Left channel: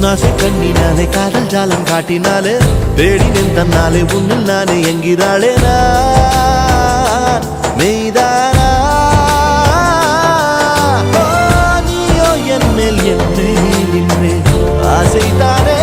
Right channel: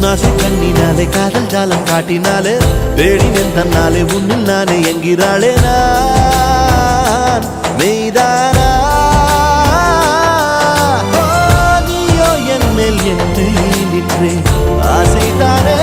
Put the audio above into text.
உன்னாசை கண்ணினாலே காதல் ஜாலம் காட்டினாலே தேடினேன் தன்னாலே உன்னில் நானே என்கிறாளே நான் மெய்தானா நீயோ என் மேல் நின்றே ஆசைதானே